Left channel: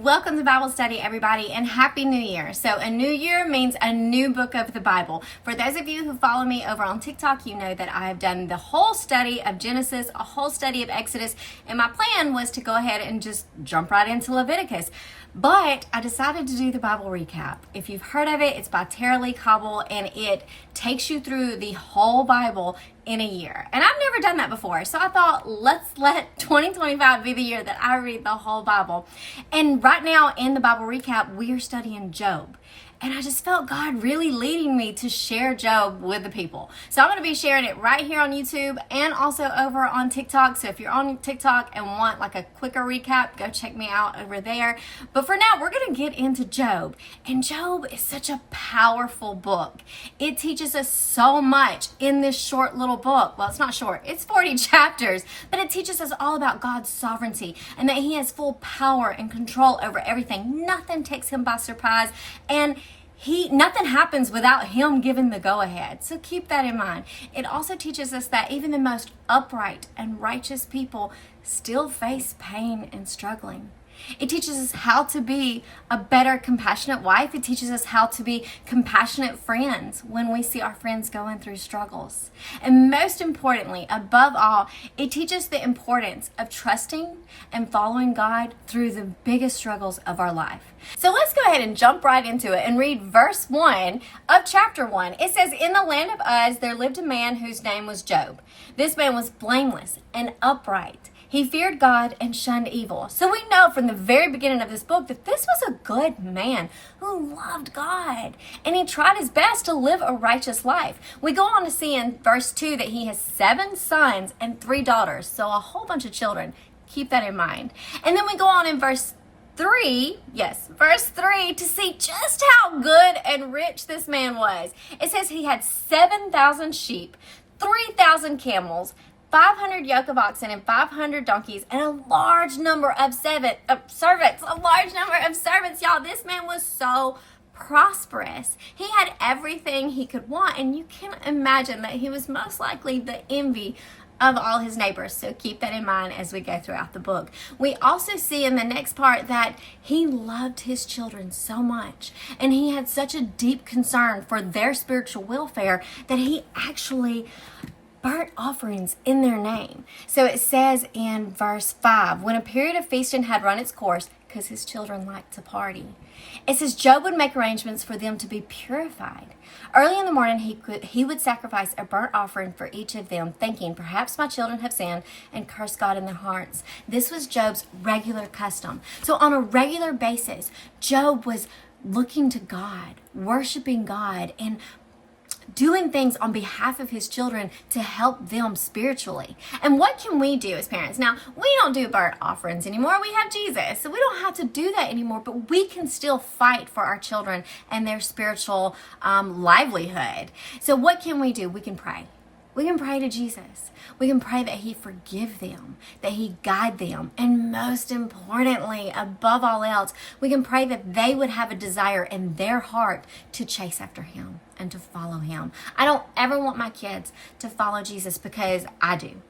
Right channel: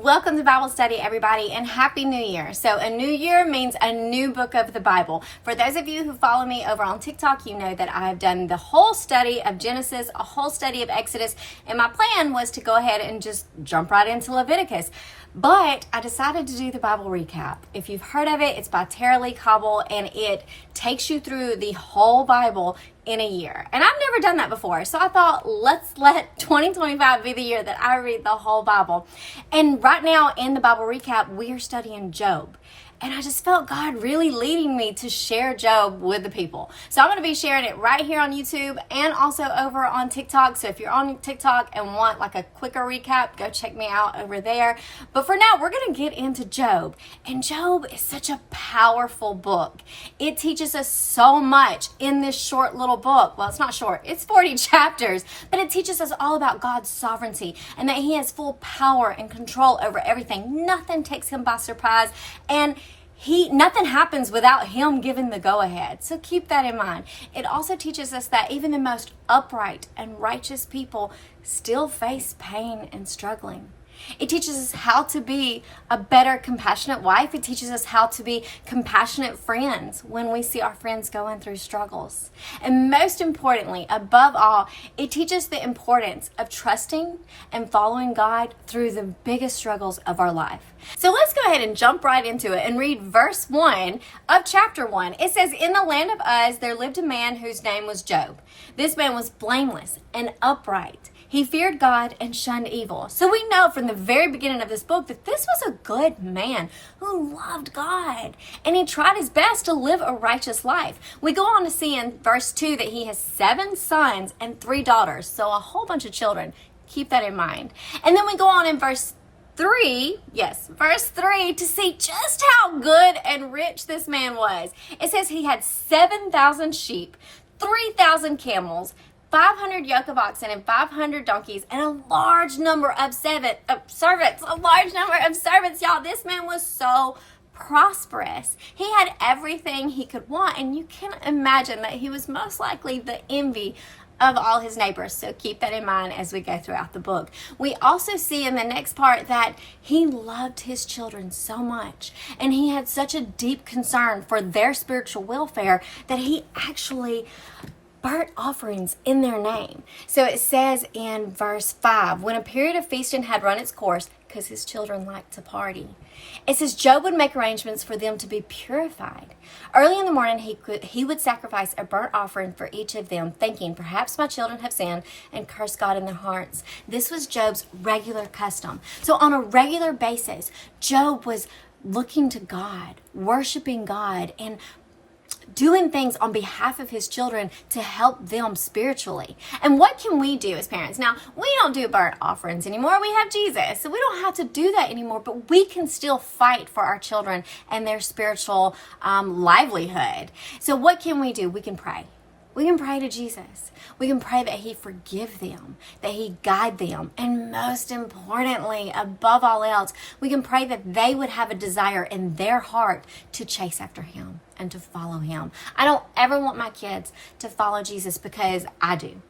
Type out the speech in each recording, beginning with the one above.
Welcome to Bible study, everybody, and Happy New Year. So a new year means a new book of the Bible. For those of you who follow me over on TikTok, you know that I've done the whole study of Genesis, a whole study of Exodus, and my plan was to go ahead and just jump right into Leviticus. But I decided to do the Bible recap. If you've heard of it, it's by Tara Lee Cobble, and it takes you through the whole Bible in a year. And I've never done that before. So I thought, let's let 2025 be the year that I read the whole Bible. And right now in the Bible recap, we are studying Job. And I just felt God really leading me to share Job with the people. So I'm going to be sharing it right here on YouTube and also over on TikTok. So if you're on TikTok and want like a quicker recap, go check me out over there. But for now, we're going to get into Job. And Job is such a powerful book. It teaches us so much in this short little book. Well, it's not short. It's 40 chapters. But it teaches us all about God's sovereignty and that He has full power and control over everything. Nothing takes Him by surprise. And nothing happens without Him giving the go-ahead. So keep that in mind. It also teaches us that even the most upright and righteous people still face pain and struggling. It teaches us how to be a better, compassionate wife. It teaches us how to be compassionate friends when we see our friends going through struggles. And most importantly, above all, it teaches the importance of trusting and following God through the biggest struggles of our life. So let's go ahead and jump right into it and read verse 1 of chapter 1. It says, "In the land of Uz, there lived a man whose name was Job. This man was blameless and upright. He feared God and shunned evil." So we know from the very beginning of this book that this was a good man who loved God. And he tried his best to live a righteous life. We go on to see in verse 2 that he has 7 sons and 3 daughters. So a whole bunch of children. Keep that in mind. And then we go on in verse 3 to see just how good and rich this man was. It says he had 7,000 sheep, 3,000 camels, 500 yoke of oxen and 500 donkeys, and a large number of servants. Y'all, this man was so prosperous. He had everything he could want, and you can imagine that he was most likely the envy of all his neighbors. So keep that in mind as we go throughout the book. We also see in the next part that he loved his children so much, and he had such a deep concern for their spiritual welfare that he actually burnt offerings in their name. So it says in verse 5, when a period of feasting had run its course, because his children liked to party, it says Job would make arrangements for them to be purified. Early in the morning, he would sacrifice a burnt offering for each of them, thinking, perhaps my children have sinned and cursed God in their hearts. This was Job's regular custom. So on a regular basis, Job was looking to God, worshiping God, and doing things on behalf of his children to help them spiritually. And what can we do as parents? Now, we don't do burnt offerings anymore. We have Jesus, so we don't have to do that anymore, but we can still fight for our children and their spiritual livelihood. So what can we do? We can pray. We can pray to Jesus. We can pray that He forgive them, that He guide them, and most importantly, above all else, we can pray that they would have a desire in their heart to chase after Him and to follow Him. I don't ever want my kids to follow Jesus because I do.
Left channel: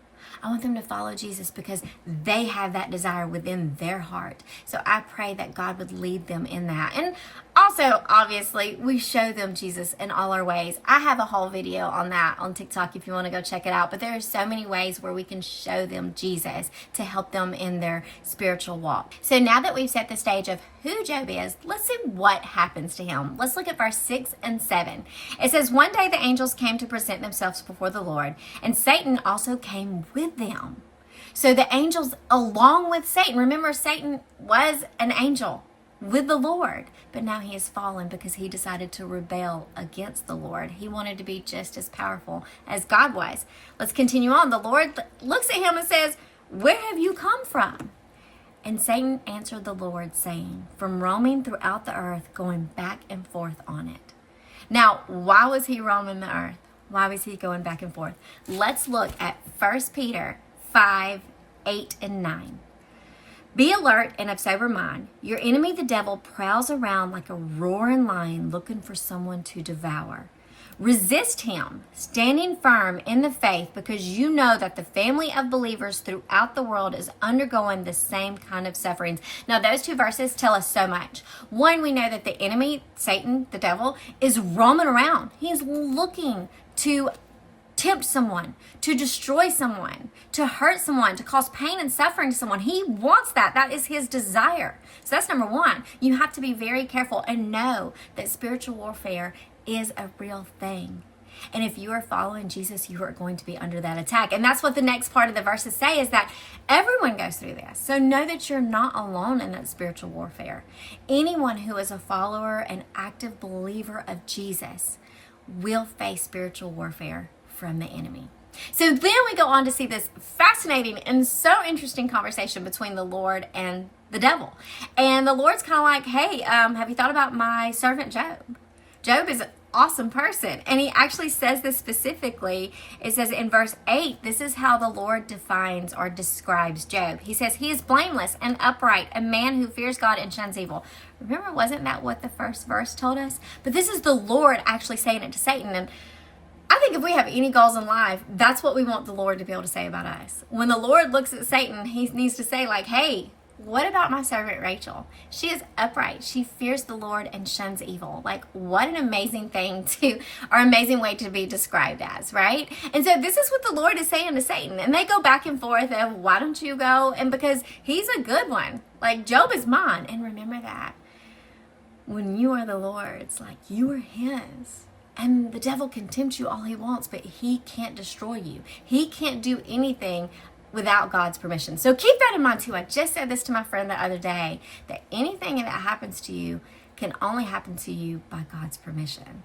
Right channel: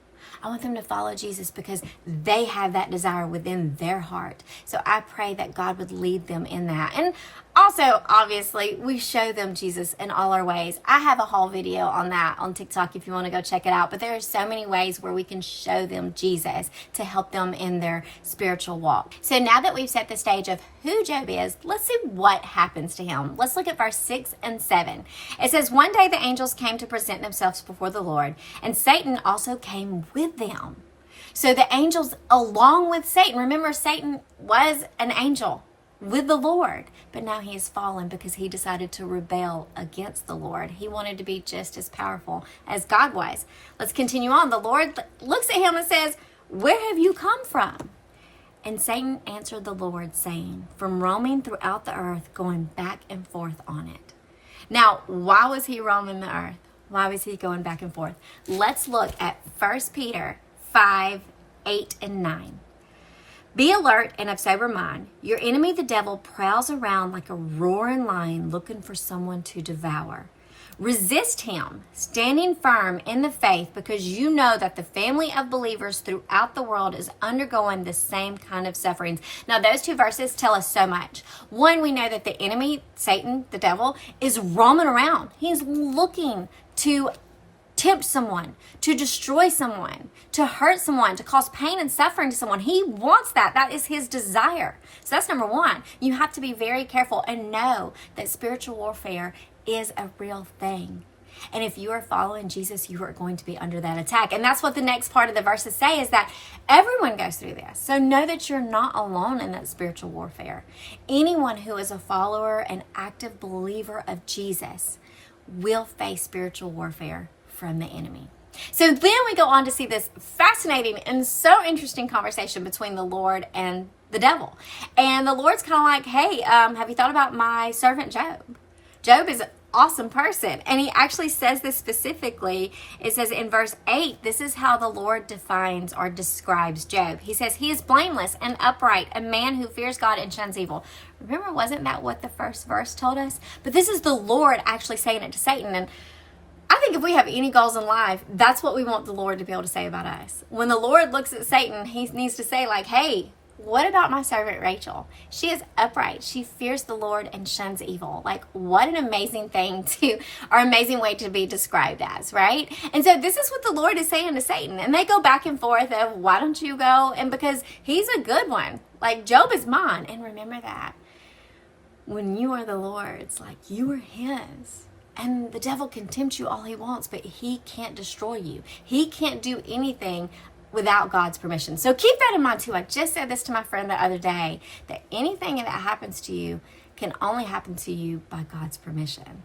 I want them to follow Jesus because they have that desire within their heart. So I pray that God would lead them in that. And also, obviously, we show them Jesus in all our ways. I have a whole video on that on TikTok if you want to go check it out. But there are so many ways where we can show them Jesus to help them in their spiritual walk. So now that we've set the stage of who Job is, let's see what happens to him. Let's look at verse 6 and 7. It says, one day the angels came to present themselves before the Lord, and Satan also came with them. So the angels along with Satan, remember Satan was an angel with the Lord, but now he has fallen because he decided to rebel against the Lord. He wanted to be just as powerful as God was. Let's continue on. The Lord looks at him and says, where have you come from? And Satan answered the Lord, saying, from roaming throughout the earth, going back and forth on it. Now, why was he roaming the earth? Why was he going back and forth? Let's look at 1 Peter 5, 8, and 9. Be alert and of sober mind. Your enemy, the devil, prowls around like a roaring lion looking for someone to devour. Resist him, standing firm in the faith, because you know that the family of believers throughout the world is undergoing the same kind of sufferings. Now, those two verses tell us so much. One, we know that the enemy, Satan, the devil, is roaming around. He's looking to tempt someone, to destroy someone, to hurt someone, to cause pain and suffering to someone. He wants that. That is his desire. So that's number one. You have to be very careful and know that spiritual warfare is a real thing. And if you are following Jesus, you are going to be under that attack. And that's what the next part of the verses say, is that everyone goes through this. So know that you're not alone in that spiritual warfare. Anyone who is a follower and active believer of Jesus will face spiritual warfare from the enemy. So then we go on to see this fascinating and so interesting conversation between the Lord and the devil. And the Lord's kind of like, hey, have you thought about my servant Job? Job is an awesome person. And he actually says this specifically. It says in verse 8, this is how the Lord defines or describes Job. He says, he is blameless and upright, a man who fears God and shuns evil. Remember, wasn't that what the first verse told us? But this is the Lord actually saying it to Satan. And I think if we have any goals in life, that's what we want the Lord to be able to say about us. When the Lord looks at Satan, he needs to say like, hey, what about my servant Rachel? She is upright. She fears the Lord and shuns evil. Like, what an amazing thing or amazing way to be described as, right? And so this is what the Lord is saying to Satan. And they go back and forth of, why don't you go? And because he's a good one. Like, Job is mine. And remember that. When you are the Lord's, like, you are his. And the devil can tempt you all he wants, but he can't destroy you. He can't do anything without God's permission. So keep that in mind too. I just said this to my friend the other day, that anything that happens to you can only happen to you by God's permission.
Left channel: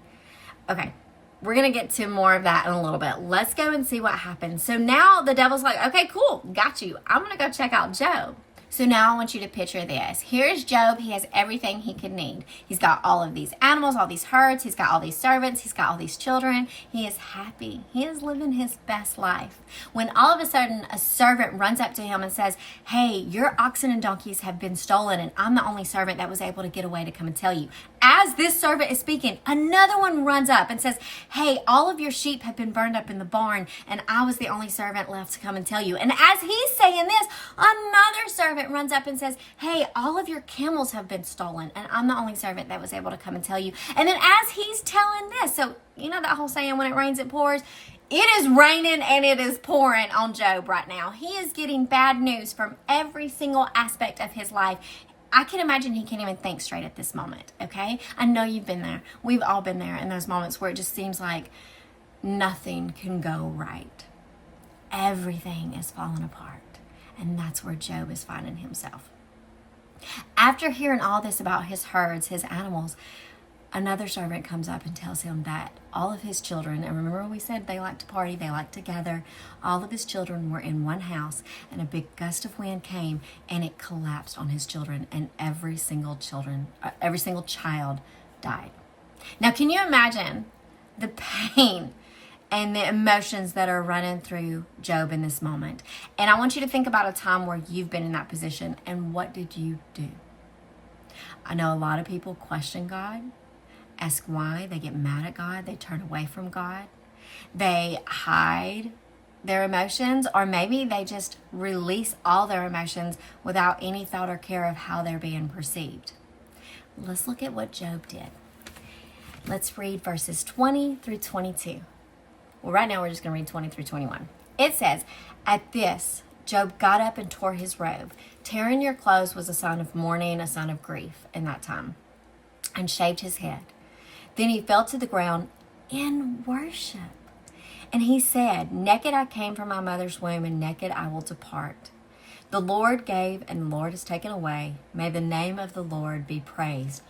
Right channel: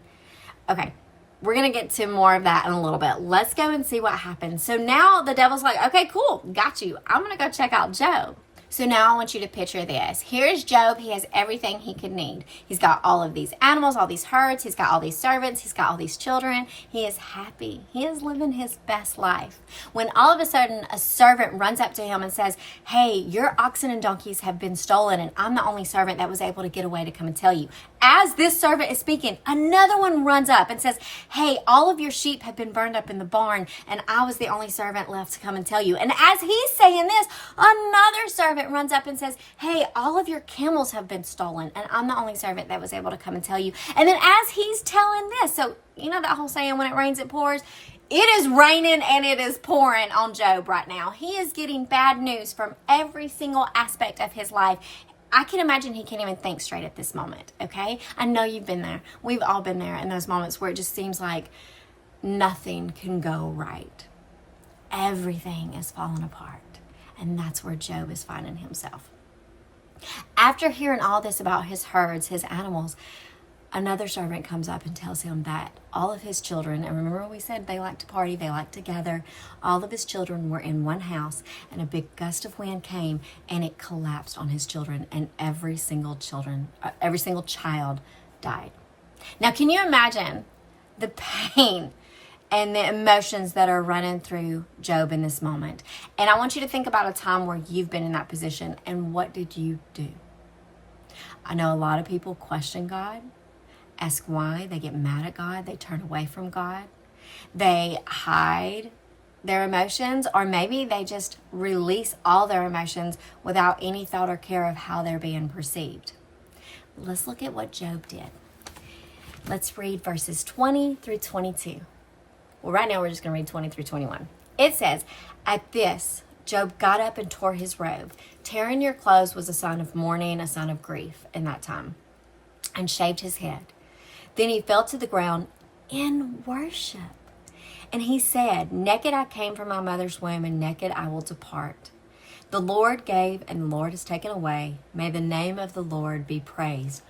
Okay, we're going to get to more of that in a little bit. Let's go and see what happens. So now the devil's like, okay, cool, got you. I'm going to go check out Job. So now I want you to picture this. Here's Job. He has everything he could need. He's got all of these animals, all these herds. He's got all these servants. He's got all these children. He is happy. He is living his best life. When all of a sudden a servant runs up to him and says, hey, your oxen and donkeys have been stolen, and I'm the only servant that was able to get away to come and tell you. As this servant is speaking, another one runs up and says, hey, all of your sheep have been burned up in the barn, and I was the only servant left to come and tell you. And as he's saying this, another servant runs up and says, hey, all of your camels have been stolen, and I'm the only servant that was able to come and tell you. And then as he's telling this, so you know that whole saying, when it rains, it pours? It is raining and it is pouring on Job right now. He is getting bad news from every single aspect of his life. I can imagine he can't even think straight at this moment, okay? I know you've been there. We've all been there in those moments where it just seems like nothing can go right. Everything is falling apart. And that's where Job is finding himself. After hearing all this about his herds, his animals, another servant comes up and tells him that all of his children, and remember we said they like to party, they like to gather, all of his children were in one house, and a big gust of wind came and it collapsed on his children, and every single child died. Now, can you imagine the pain and the emotions that are running through Job in this moment? And I want you to think about a time where you've been in that position, and what did you do? I know a lot of people question God, ask why, they get mad at God, they turn away from God, they hide their emotions, or maybe they just release all their emotions without any thought or care of how they're being perceived. Let's look at what Job did. Let's read verses 20 through 22. Well, right now we're just going to read 20 through 21. It says, at this, Job got up and tore his robe. Tearing your clothes was a sign of mourning, a sign of grief in that time, and shaved his head. Then he fell to the ground in worship. And he said, naked I came from my mother's womb, and naked I will depart. The Lord gave, and the Lord has taken away. May the name of the Lord be praised.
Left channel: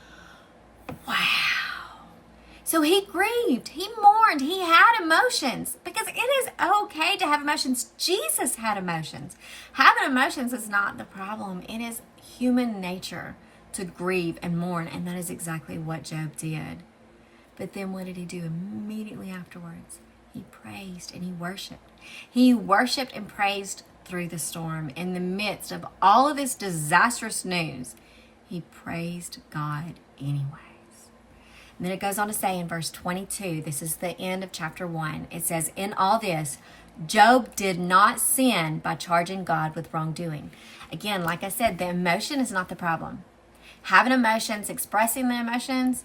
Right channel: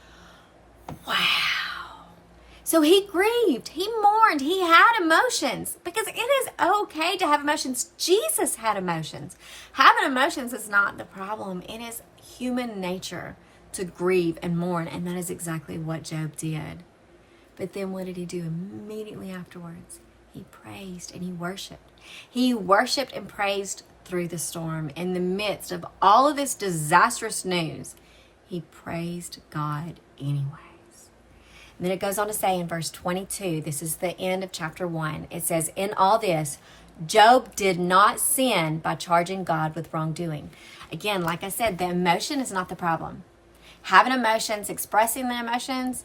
Wow. So he grieved, he mourned, he had emotions, because it is okay to have emotions. Jesus had emotions. Having emotions is not the problem. It is human nature to grieve and mourn, and that is exactly what Job did. But then what did he do immediately afterwards? He praised and he worshiped. He worshiped and praised through the storm. In the midst of all of this disastrous news, he praised God anyways. And then it goes on to say in verse 22, this is the end of chapter 1. It says, in all this, Job did not sin by charging God with wrongdoing. Again, like I said, the emotion is not the problem. Having emotions, expressing the emotions,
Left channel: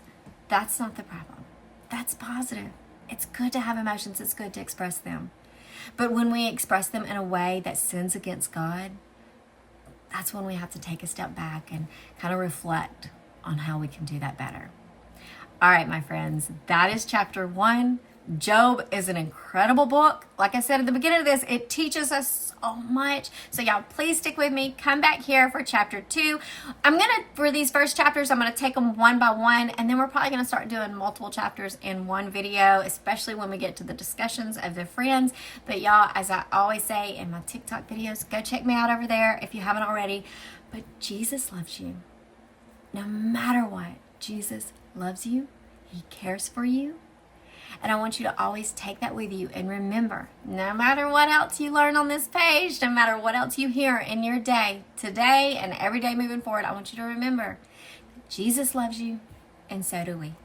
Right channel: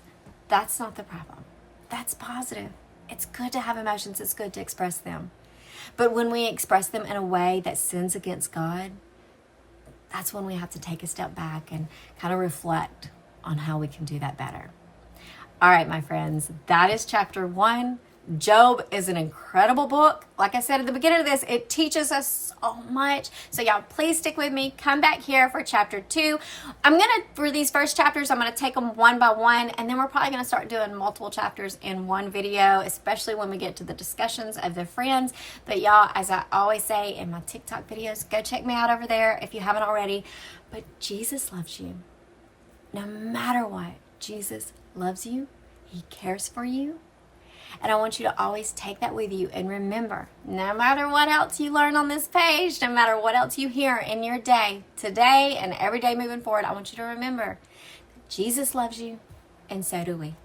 that's not the problem. That's positive. It's good to have emotions. It's good to express them. But when we express them in a way that sins against God, that's when we have to take a step back and kind of reflect on how we can do that better. All right, my friends, that is chapter 1. Job is an incredible book. Like I said at the beginning of this, it teaches us so much. So y'all, please stick with me. Come back here for chapter 2. For these first chapters, I'm going to take them one by one, and then we're probably going to start doing multiple chapters in one video, especially when we get to the discussions of the friends. But y'all, as I always say in my TikTok videos, go check me out over there if you haven't already. But Jesus loves you. No matter what, Jesus loves you. He cares for you. And I want you to always take that with you. And remember, no matter what else you learn on this page, no matter what else you hear in your day, today and every day moving forward, I want you to remember that Jesus loves you, and so do we.